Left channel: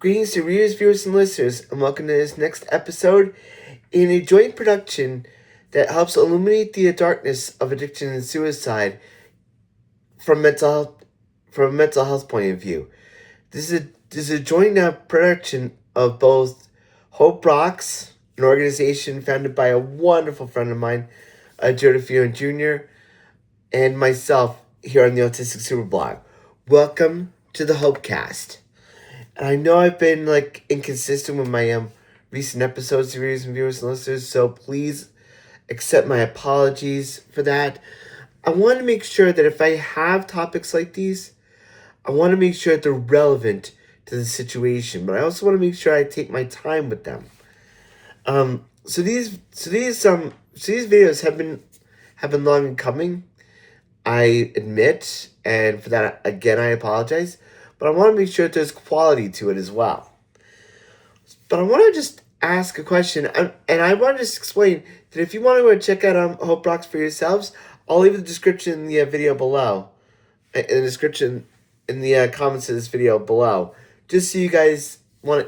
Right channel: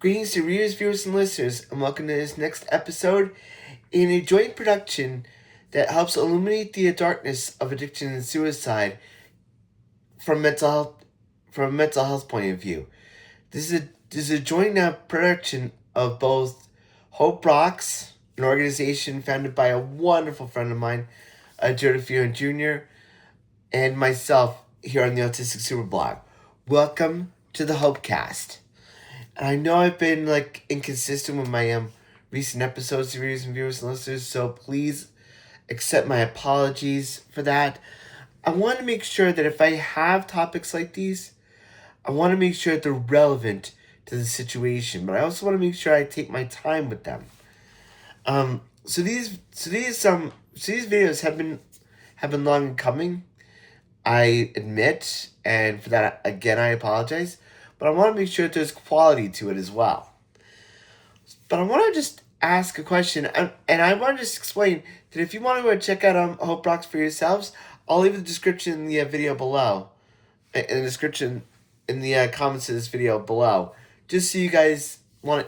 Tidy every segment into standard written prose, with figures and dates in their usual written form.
Greetings to readers, viewers, and listeners, and welcome to this next episode in a joint production that helps illuminate the darkness of addiction and suicide from a mental health point of view. This is a joint production of both Hope Rocks, an organization founded by a wonderful friend of mine, Jodie Jr., and myself here on the Autistic SuperBlog. Welcome to the HopeCast. And I know I've been inconsistent with my recent episodes, readers and viewers and listeners, so please accept my apologies for that. I want to make sure that if I have topics like these, I want to make sure that they're relevant to the situation, but I also want to make sure I take my time with them. So these videos have been long in coming. I admit, and for that again I apologize. But I want to make sure that there's quality to it as well. But I want to just ask a question, and I want to just explain that if you want to go check out Hope Rocks for yourselves, I'll leave the description in the video below, in the description in the comments of this video below, just so you guys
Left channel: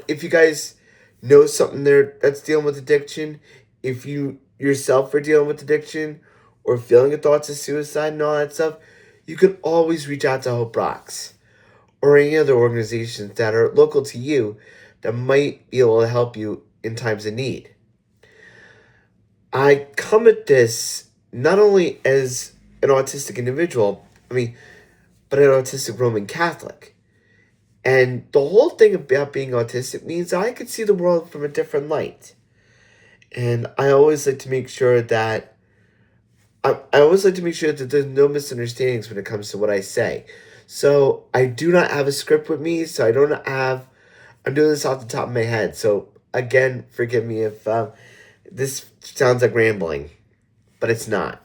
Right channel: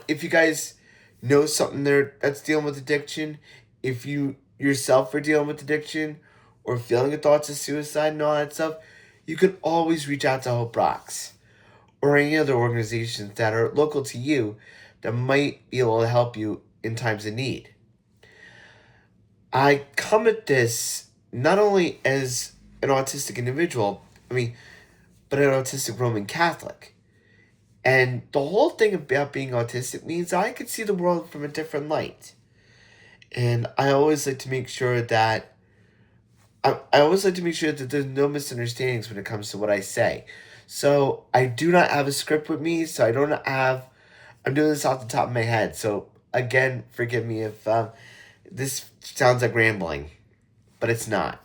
if you guys know something there that's dealing with addiction, if you yourself are dealing with addiction or feeling the thoughts of suicide and all that stuff, you can always reach out to Hope Rocks or any other organizations that are local to you that might be able to help you in times of need. I come at this not only as an autistic individual, but an autistic Roman Catholic. And the whole thing about being autistic means I could see the world from a different light. And I always like to make sure that there's no misunderstandings when it comes to what I say. So I do not have a script with me, so I'm doing this off the top of my head. So again, forgive me if this sounds like rambling, but it's not.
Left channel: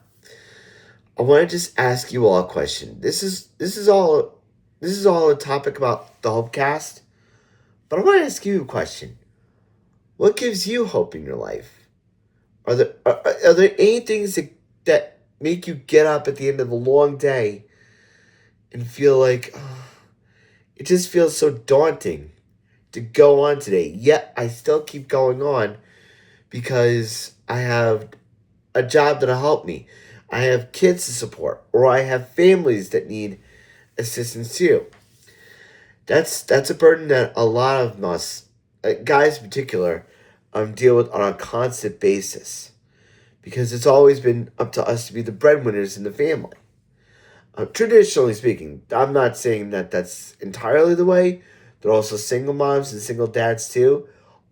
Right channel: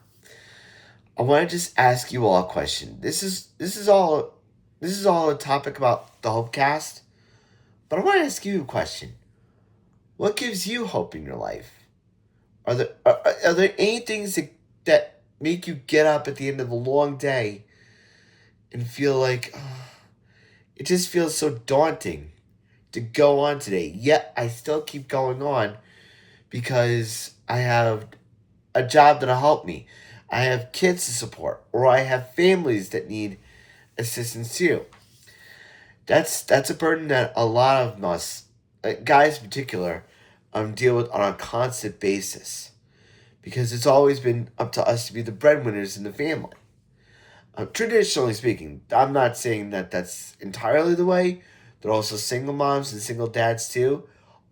I want to just ask you all a question. This is all a topic about the HopeCast, but I want to ask you a question. What gives you hope in your life? Are there any things that make you get up at the end of a long day and feel like it just feels so daunting to go on today, yet I still keep going on because I have a job that'll help me, I have kids to support, or I have families that need assistance too. That's a burden that a lot of us, guys in particular, deal with on a constant basis, because it's always been up to us to be the breadwinners in the family. Traditionally speaking, I'm not saying that that's entirely the way. There are also single moms and single dads too.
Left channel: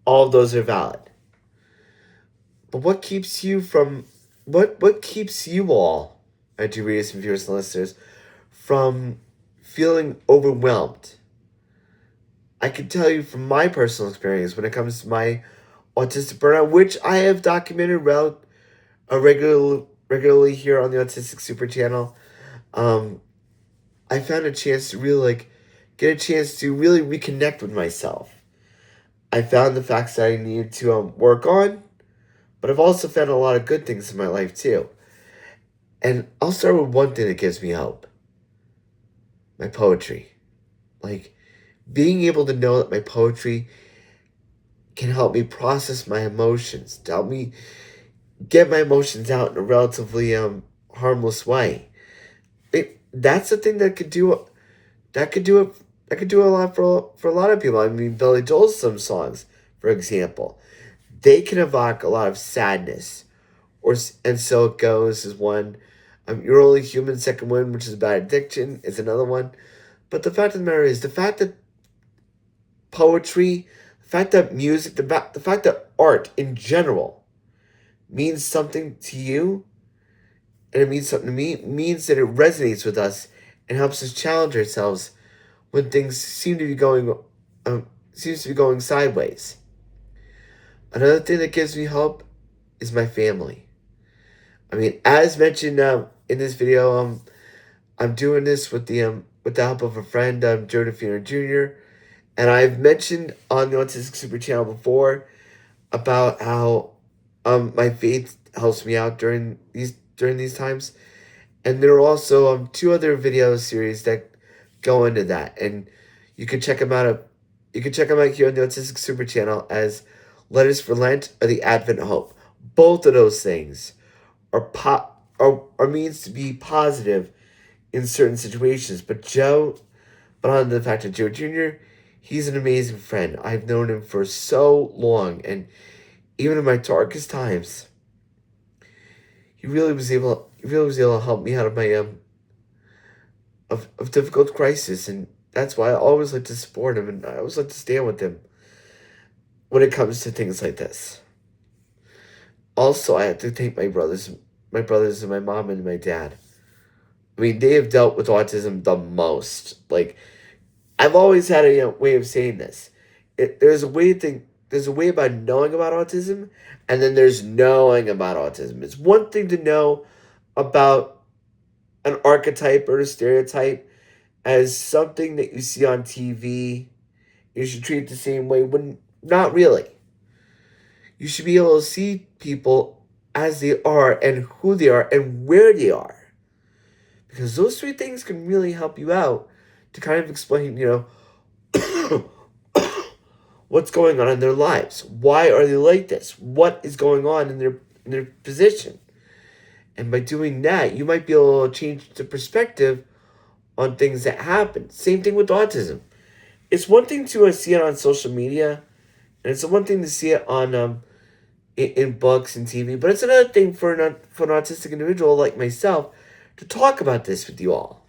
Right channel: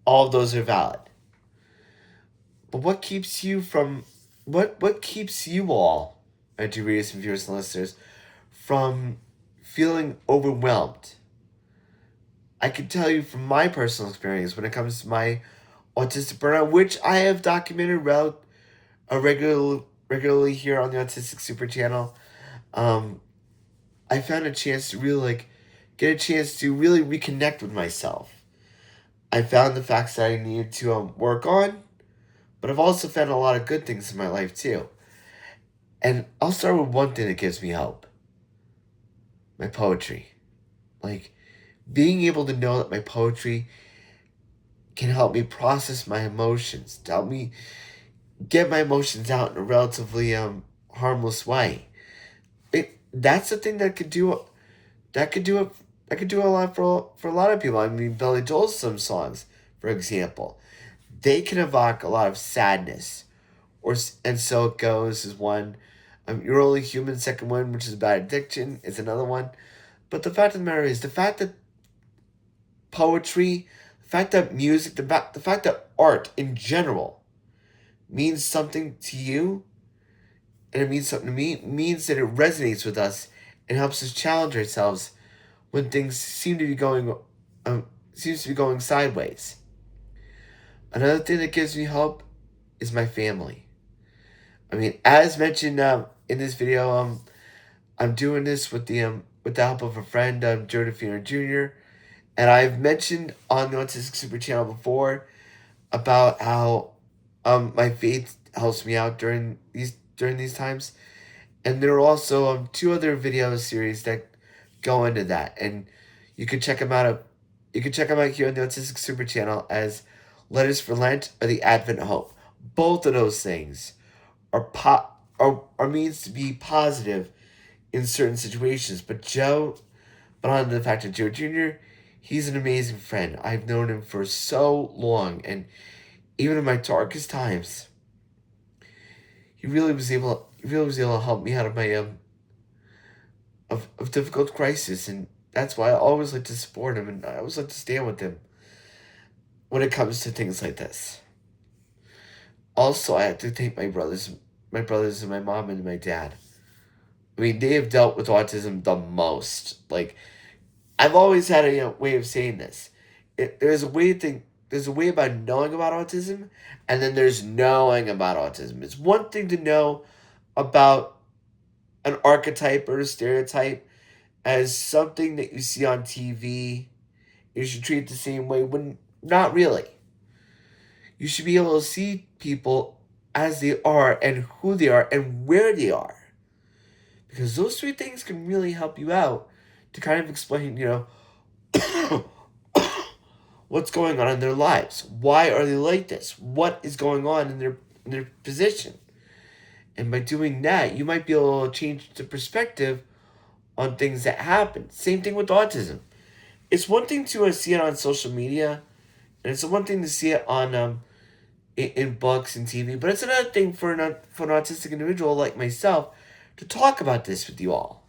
All of those are valid. But what keeps you all, dear readers and viewers and listeners, from feeling overwhelmed? I can tell you from my personal experience when it comes to my autistic burnout, which I have documented regularly here on the Autistic Super channel. I found a chance to really really reconnect with myself. I found the facts that I needed to work on, but I've also found a lot of good things in my life too. And I'll start with one thing that gives me hope. My poetry. Being able to know that my poetry can help me process my emotions, to help me get my emotions out in a relatively harmless way. That's the thing that could do a lot for a lot of people. Billy Joel's some songs, for example, they can evoke a lot of sadness, and So It Goes is one. You're Only Human, second one, which is about addiction, is another one. But the fact of the matter is, the fact that poetry, the fact that music, the fact that art in general means something to you, and it means something to me, means that it resonates with us and helps us challenge ourselves when things seems to be going sideways. Another thing that gives me hope is my family. As mentioned in this video, I'm doing this with the help of a friend, Jodie Jr., and I've mentioned on the Autistic Super channel before about how my faith helps me out during these times. And there are also two other video series that go into that, and you can check them out You can check them out here on the Autistic Super channel as Letters for Lent or the Advent Hope. Both of those things are means to be positive in certain situations. But on the fact that Joe Jr., he's an amazing friend. I've known him for so long, and even in my darkest times, he really was able to help me out of my of difficult crisis, and that's why I always like to support him, and I always like to stand with him when it comes to things like this. Also, I have to thank my brothers and my mom and my dad. I mean, they have dealt with autism the most. Like, I've always had a way of saying this. There's a way about knowing about autism, and then there's knowing about autism. It's one thing to know about an archetype or a stereotype as something that you see on TV. You should treat it the same way when not really. You should be able to see people as they are and who they are and where they are. Because those three things can really help you out to kind of explain, what's going on in their lives. Why are they like this? What is going on in their position? And by doing that, you might be able to change the perspective on things that happen. Same thing with autism. It's one thing to see it on social media, and it's one thing to see it on in books and TV, but it's another thing for an autistic individual like myself to talk about this with you all.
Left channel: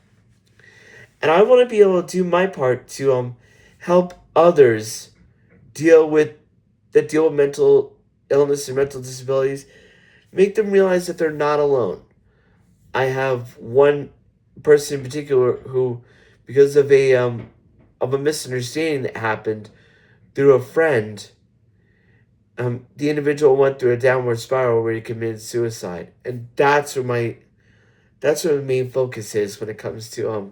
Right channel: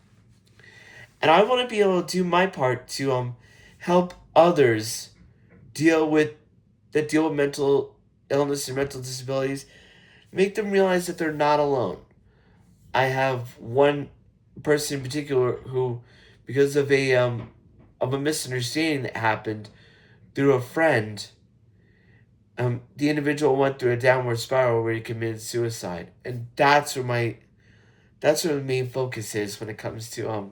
And I want to be able to do my part to help others deal with mental illness and mental disabilities, make them realize that they're not alone. I have one person in particular who, because of a misunderstanding that happened through a friend, the individual went through a downward spiral where he committed suicide, and that's where the main focus is when it comes to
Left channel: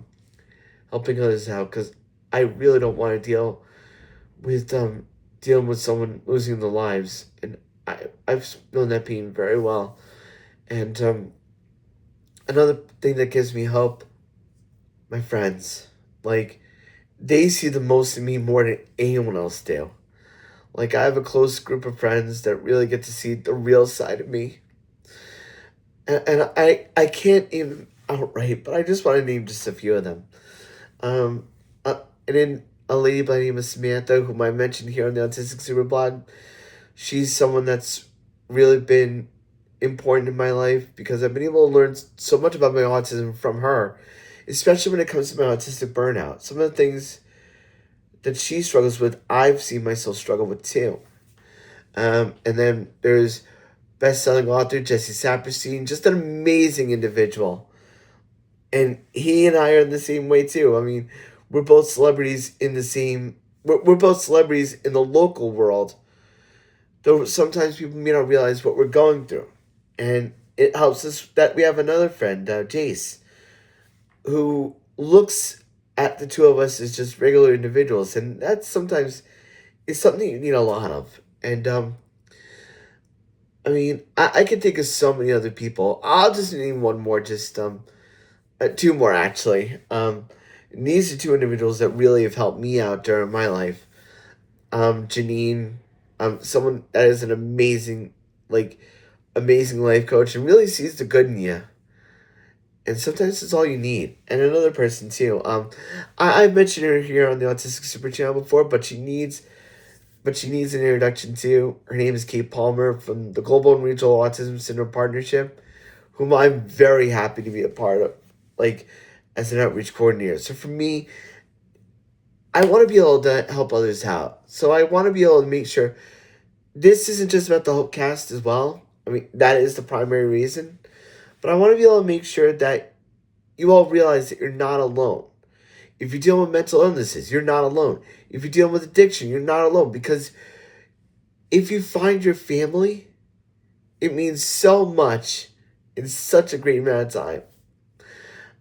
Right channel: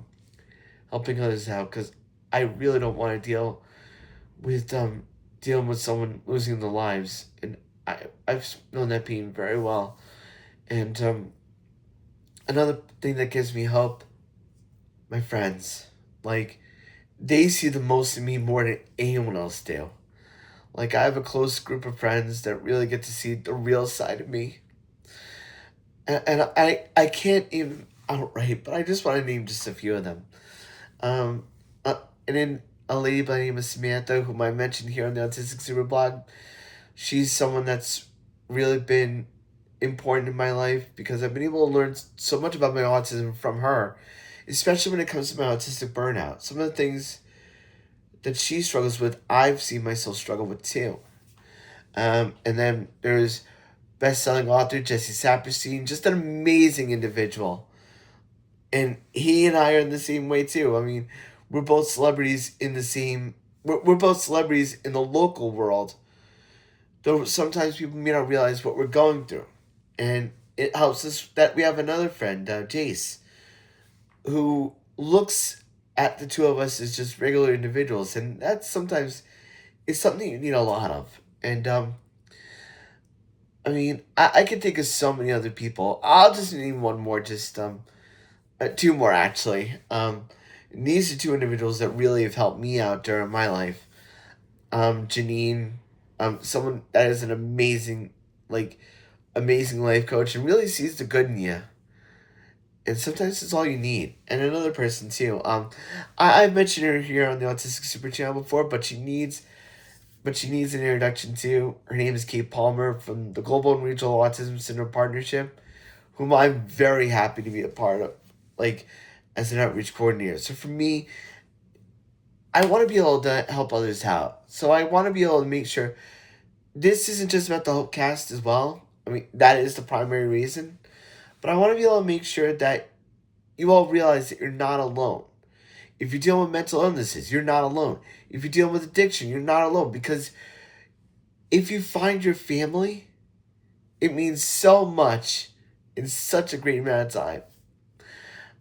helping others out, because I really don't want to dealing with someone losing their lives, and I've known that pain very well. And another thing that gives me hope, my friends, like, they see the most in me more than anyone else do. Like, I have a close group of friends that really get to see the real side of me. And I can't even outright, but I just want to name just a few of them. Um, and then a lady by the name of Samantha, whom I mentioned here on the Autistic SuperBlog, she's someone that's really been important in my life because I've been able to learn so much about my autism from her, especially when it comes to my autistic burnout. Some of the things that she struggles with, I've seen myself struggle with too. And then there's best-selling author Jesse Saperstein, just an amazing individual. And he and I are in the same way too. I mean, we're both celebrities in the same. We're both celebrities in the local world. Though sometimes people may not realize what we're going through, and it helps us that we have another friend, Jace, who looks at the two of us as just regular individuals, and that sometimes is something you need a lot of. And I mean, I can think of so many other people. I'll just name one more, just two more actually. And these are two individuals that really have helped me out during my life. Janine, someone that is an amazing life coach and really sees the good in you. And sometimes it's all you need. And another person too. I mentioned her here on the Autistic Super channel before, but she needs an introduction too. Her name is Kate Palmer from the Global and Regional Autism Syndrome Partnership, whom I'm very happy to be a part of, like, as an outreach coordinator. So for me, I want to be able to help others out. So I want to be able to make sure this isn't just about the HopeCast as well. I mean, that is the primary reason. But I want to be able to make sure that you all realize that you're not alone. If you're dealing with mental illnesses, you're not alone. If you're dealing with addiction, you're not alone. Because if you find your family, it means so much in such a great amount of time.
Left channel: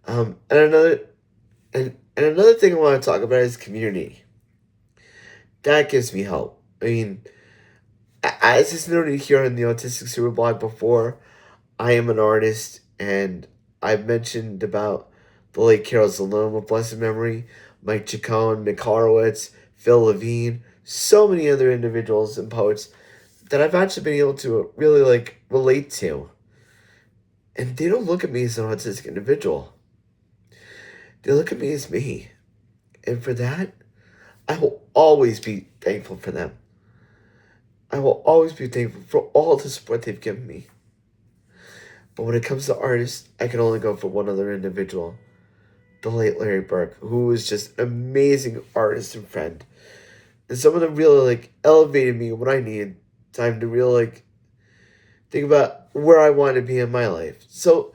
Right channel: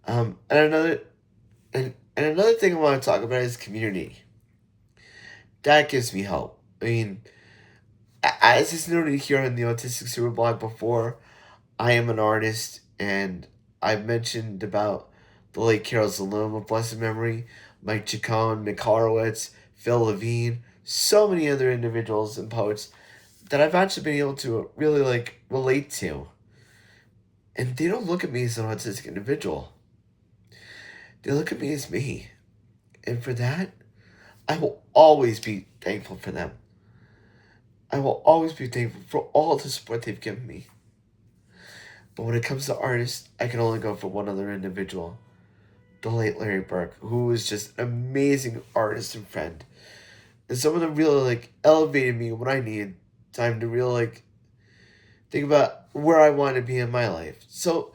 And another thing I want to talk about is community. That gives me hope. I mean, as is noted here on the Autistic Super blog before, I am an artist, and I've mentioned about the late Carol Zalone of blessed memory, Mike Chacon, Mick Horowitz, Phil Levine, so many other individuals and poets that I've actually been able to really relate to. And they don't look at me as an autistic individual. They look at me as me. And for that, I will always be thankful for them. I will always be thankful for all the support they've given me. But when it comes to artists, I can only go for one other individual, the late Larry Burke, who was just an amazing artist and friend. And someone that really elevated me when I needed time to really think about where I want to be in my life. So,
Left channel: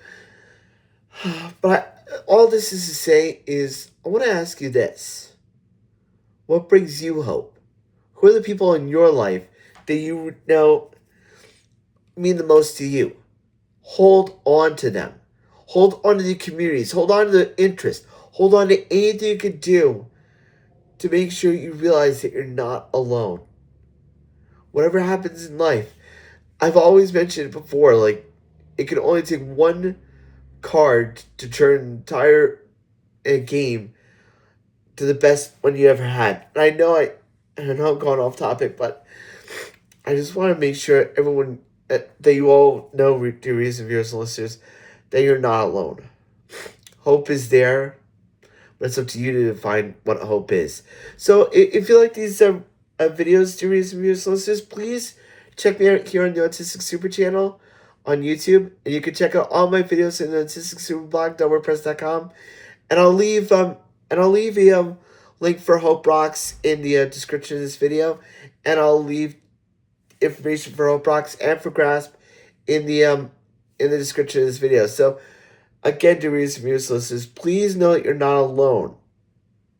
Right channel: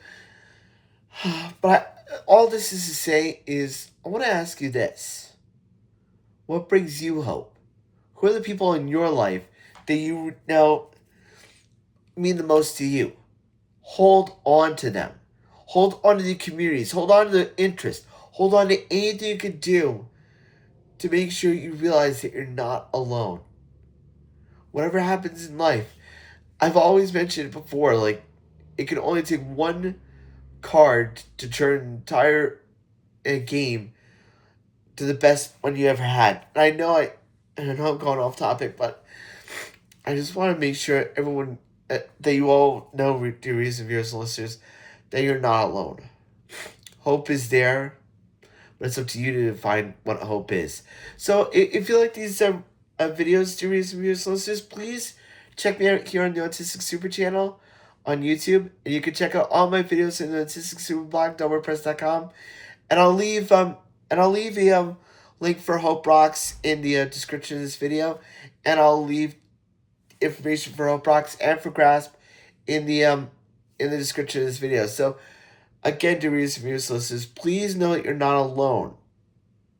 all this is to say is I want to ask you this. What brings you hope? Who are the people in your life that you know mean the most to you? Hold on to them. Hold on to the communities. Hold on to the interest. Hold on to anything you can do to make sure you realize that you're not alone. Whatever happens in life, I've always mentioned it before, it can only take one card to turn an entire game to the best one you ever had. And I know I'm going off topic, but I just want to make sure everyone that you all know, dear readers and viewers and listeners, that you're not alone. Hope is there, but it's up to you to define what hope is. So if you like these videos, dear readers and viewers and listeners, please check me out here on the Autistic Super channel on YouTube, and you can check out all my videos in the Autistic SuperBlog, WordPress.com, and I'll leave a link for Hope Rocks in the description of this video, and I'll leave information for Hope Rocks and for Grasp in the description of this video. So again, dear readers and viewers, listeners, please know that you're not alone.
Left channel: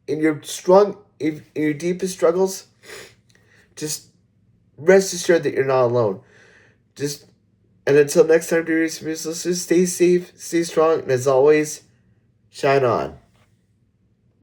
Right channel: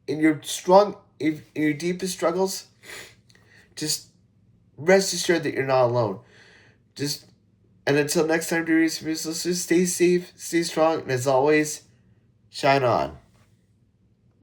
In your deepest struggles, just rest assured that you're not alone. And until next time, dear readers and viewers, listeners, stay safe, stay strong, and as always, shine on.